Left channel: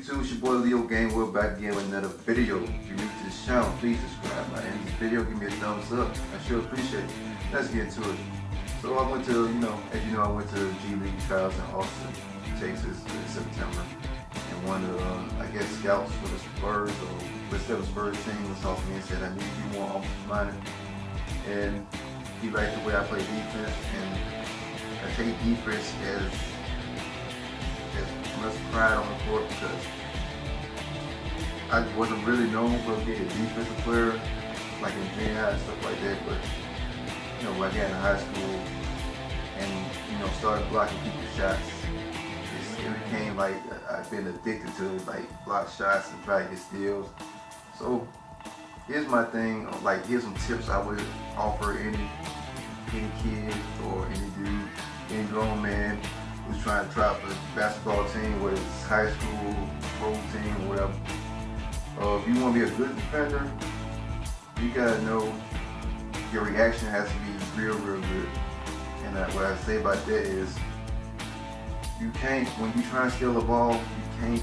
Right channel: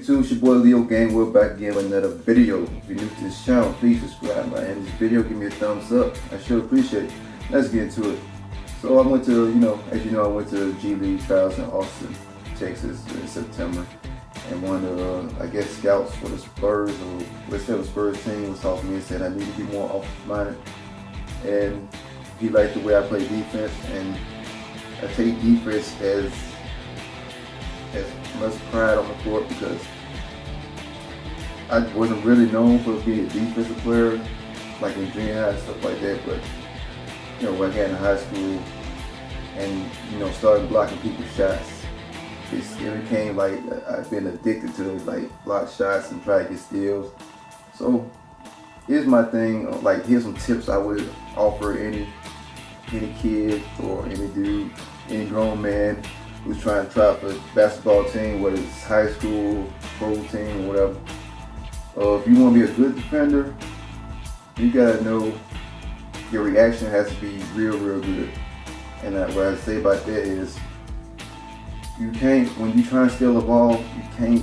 YouTube, it's your boy Leo Gainwell back again with another video. If you're new to this channel, please subscribe. By ending this video, give me a thumbs up. I sure appreciate it. Let's get into it. So I went to, as you know, I went to G League trials in Austin, Texas in September. And one of the, I guess, scouts for the Spurs, or let's say the Spurs team, was talking to me and said I need to be more offensive-minded. And he liked the way I play defense, and I take defense as much pride on the court because I wasn't really known for being a defensive player, like in junior high and stuff like that. But when I got in high school and started blocking people's shots, it became like I've been addicted to like block shots and try to get steals. So here's my thing, like here's some tips I would offer any kid or any dude, any grown man who's trying to try out for a basketball team, whether it's high school, pro team, or whatever. If you want to be a good defender, you gotta know your reaction has to be real good. And what I say about that is, you can't, when you try and steal the ball, you can't,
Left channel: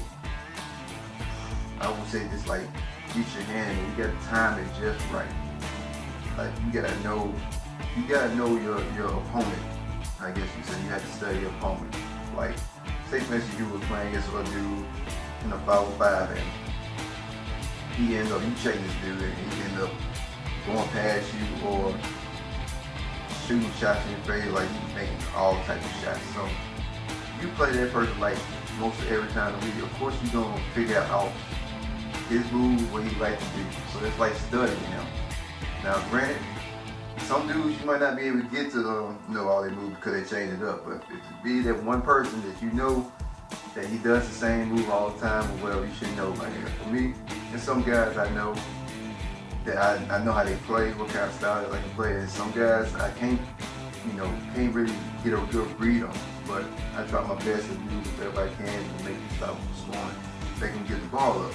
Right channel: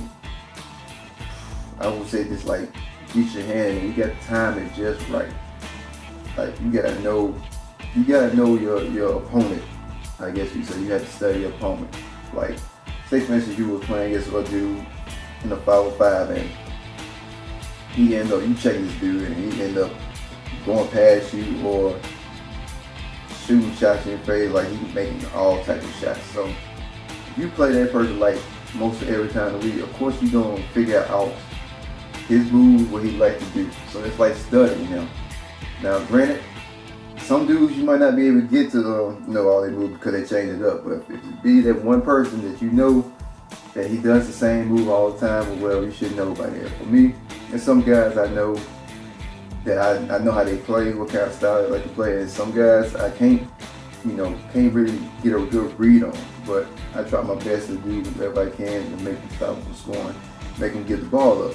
I would say just like reach your hand, you gotta time it just right. Like you gotta know your opponent. I guess you say you have to study your opponent. Like, say for instance you were playing against a dude in a 5-on-5 and he ends up, you checking this dude and he end up going past you or shooting shots in your face, like he's making all types of shots. So you play that person like most of every time of the week, of course you're gonna figure out his moves, what he like to do. So it's like studying him. Now granted, some dudes you might not be able to get to all their moves because they change it up. But if you be that one person that you know that he does the same move all the time, well, you should know by now. For me, and some guys I know that I know how they play, what kind of style they like to play. And some guys I can't really get a good read on. But I try my best to do whatever I can to make them stop from scoring, make them get the ball up.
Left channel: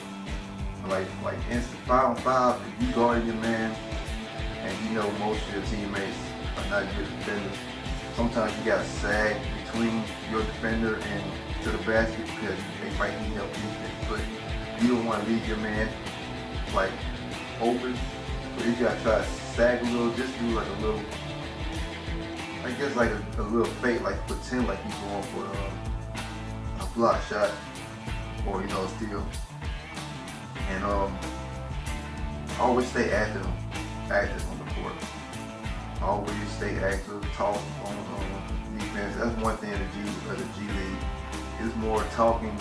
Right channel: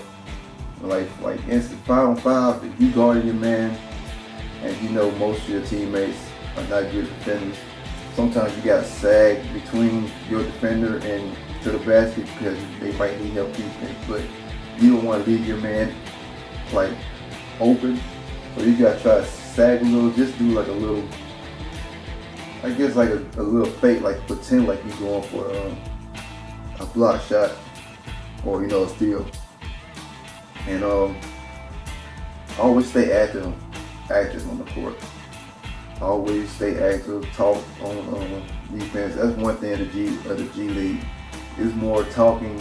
Like instant 5-on-5, if you guard your man, and most of your teammates are not good defenders, sometimes you gotta sag between your defender and to the basket because they might need help defense, but you don't want to leave your man like open, so you gotta try to sag a little, just do like a little, I guess like a little fake, like pretend like you're going for a block shot or a steal, and always stay active on the court. Always stay active, talk on defense. That's one thing of the G League. It's more talking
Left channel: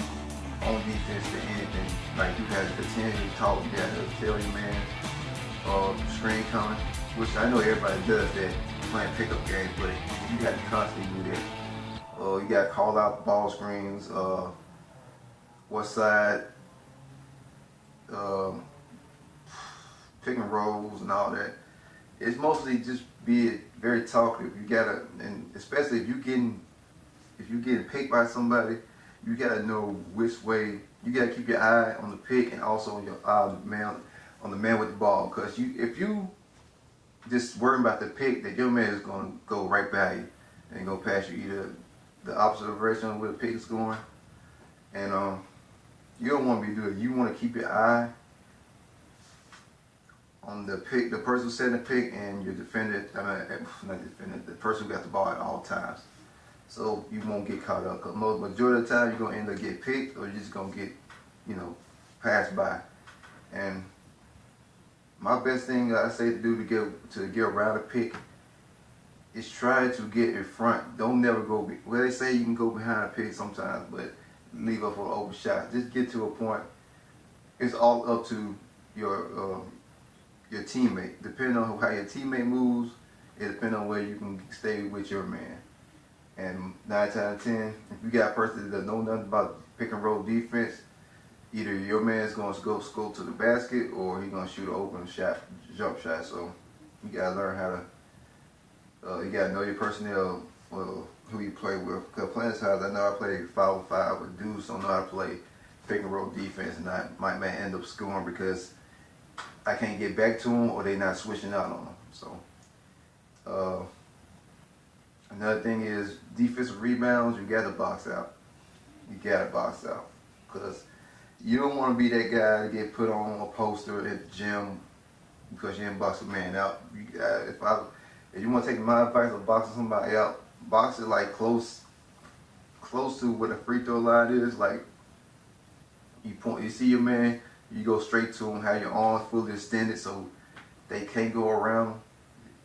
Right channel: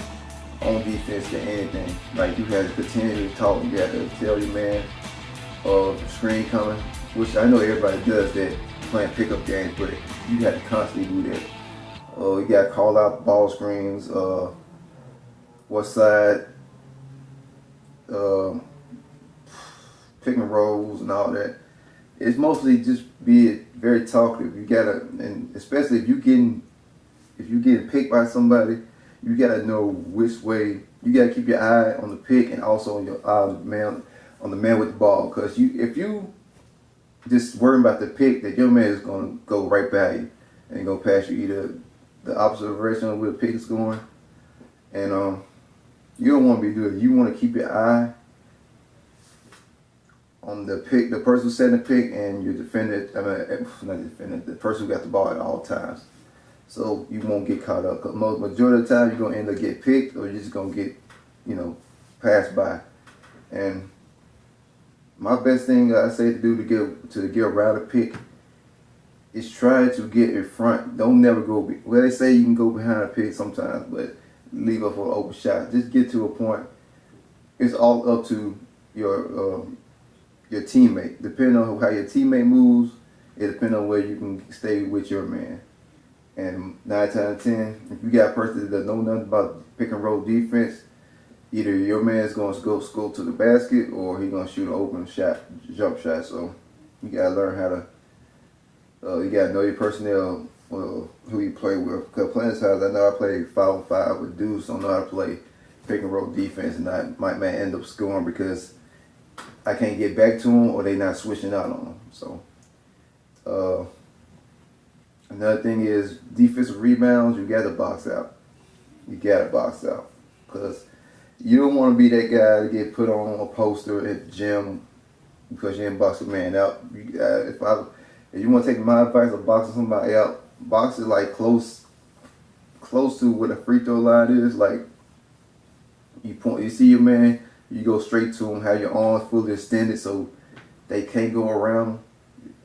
on defense than anything. Like you have to continually talk. You have to tell your man screen coming, which I know everybody does that playing pickup games, but you got to constantly do that. You got to call out ball screens, what side, pick and rolls and all that. It's mostly just be very talkative. You gotta, and especially if you're getting picked by somebody, you gotta know which way. You gotta keep your eye on the pick and also on your eye on the man with the ball. Because if you just worry about the pick, that your man is gonna go right by you and go past you, either the opposite direction of where the pick is going, and you don't want to be doing it. You want to keep your eye on the pick, the person who's setting the pick, and your defender, not defender, the person who got the ball at all times. So you won't get caught up. Because majority of the time, you're going to end up getting picked, or you're just going to get, passed by. And my best thing I say to do to get around a pick is try to get in front. Don't never go, well, they say you can go behind a pick sometimes, but leave up for an open shot. Just get to a point. It's all up to your teammate. Depending on how your teammate moves, it depends on where you can stay with your man. And 9 times out of 10, if you got a person that doesn't know nothing about pick and roll defense, either your man's going to go score to the basket or he's going to shoot an open shot, jump shot. So you got to learn how to, you got to know your personnel, who you play with. Because playing size, I know I play 5-on-5 with dudes don't know how to play pick and roll defense, and I might end up scoring because I can't get back to them or they not switching out on them. So another thing is defensive rebounds. You got to box out. Because you don't want to be that guy to get put on a poster at the gym because you didn't box a man out. If you want to take my advice of boxing somebody out, box it like close to where the free throw line is. Like you see your man, you go straight to him, have your arms fully extended so they can't go around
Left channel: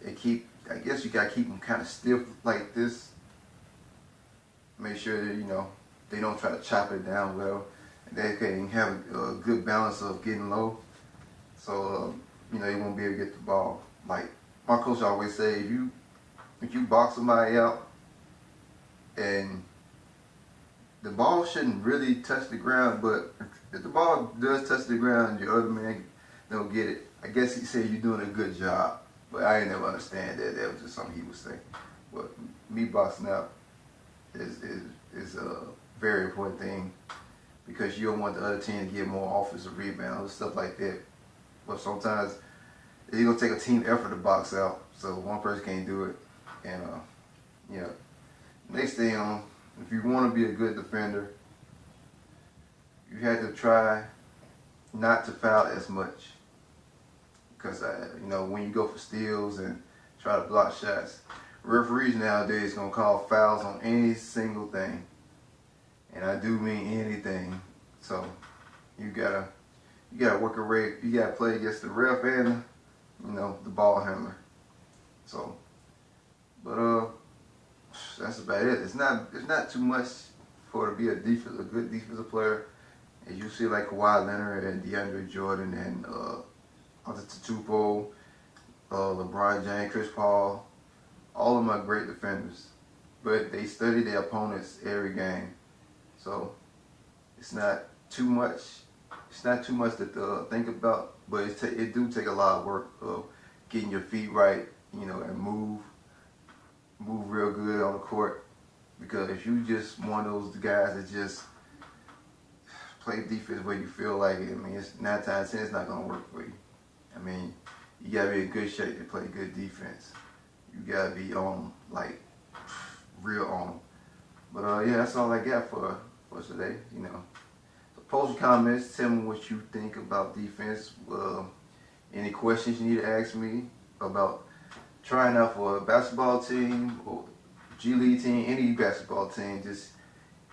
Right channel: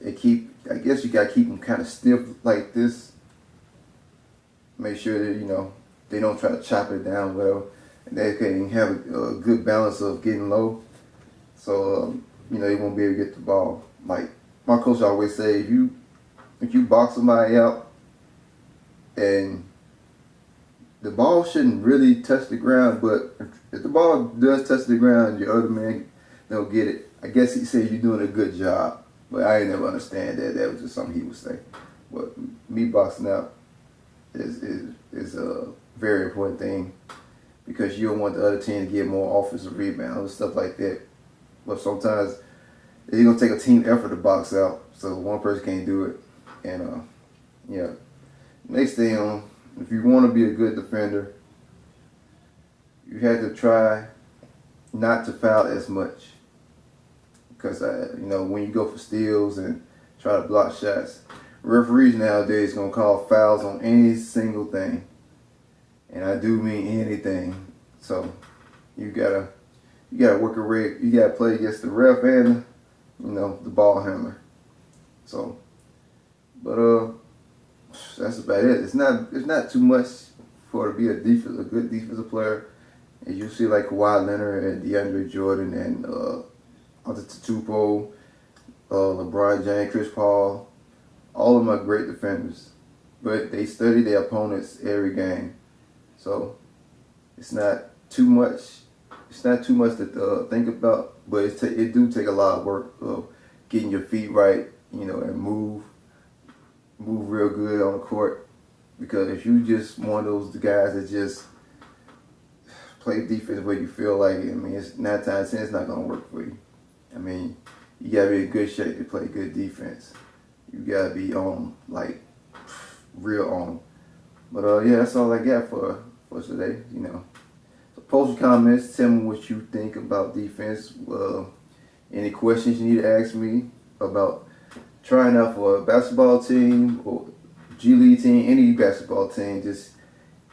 him. I guess you gotta keep them kind of stiff like this. Make sure that they don't try to chop it down well, and they can have a good balance of getting low. So they won't be able to get the ball. Like my coach always say, if you box somebody out and the ball shouldn't really touch the ground, but if the ball does touch the ground, your other man don't get it. I guess he said you're doing a good job, but I ain't never understand that. That was just something he would say. But me boxing out is a very important thing because you don't want the other team to get more offensive rebounds and stuff like that. But sometimes it's gonna take a team effort to box out, so one person can't do it. And next thing if you want to be a good defender, you have to try not to foul as much. Because, when you go for steals and try to block shots, referees nowadays going to call fouls on any single thing. And I do mean anything. So, you gotta work a rig. You gotta play against the ref and, the ball hammer. So, but, that's about it. It's not too much for to be a good defensive player. As you see, like Kawhi Leonard and DeAndre Jordan and Antetokounmpo, LeBron James, Chris Paul, all of them are great defenders. But they study their opponents every game, so it's not too much. It's not too much to think about. But it do take a lot of work of getting your feet right, and move real good on the court, because if you just one of those guys that just play defense where you feel like it, it's 9 times 10 it's not gonna work for you. You gotta be in good shape to play good defense. You gotta be real on. But that's all I got for today. So post your comments, tell me what you think about defense. Any questions you need to ask me about trying out for a basketball team or G League team, any basketball team, just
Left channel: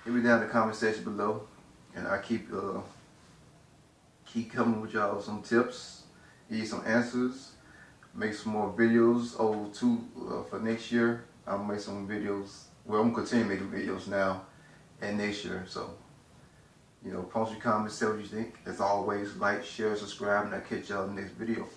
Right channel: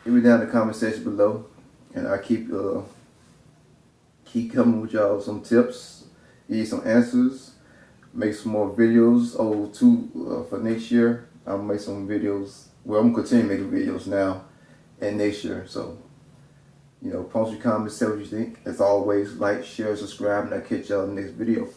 hit me down in the comment section below, and I keep coming with y'all some tips, give you some answers, make some more videos for next year. I'll make some videos. Well, I'm gonna continue making videos now and next year. So, post your comments, tell what you think. As always, like, share, subscribe, and I'll catch y'all in the next video.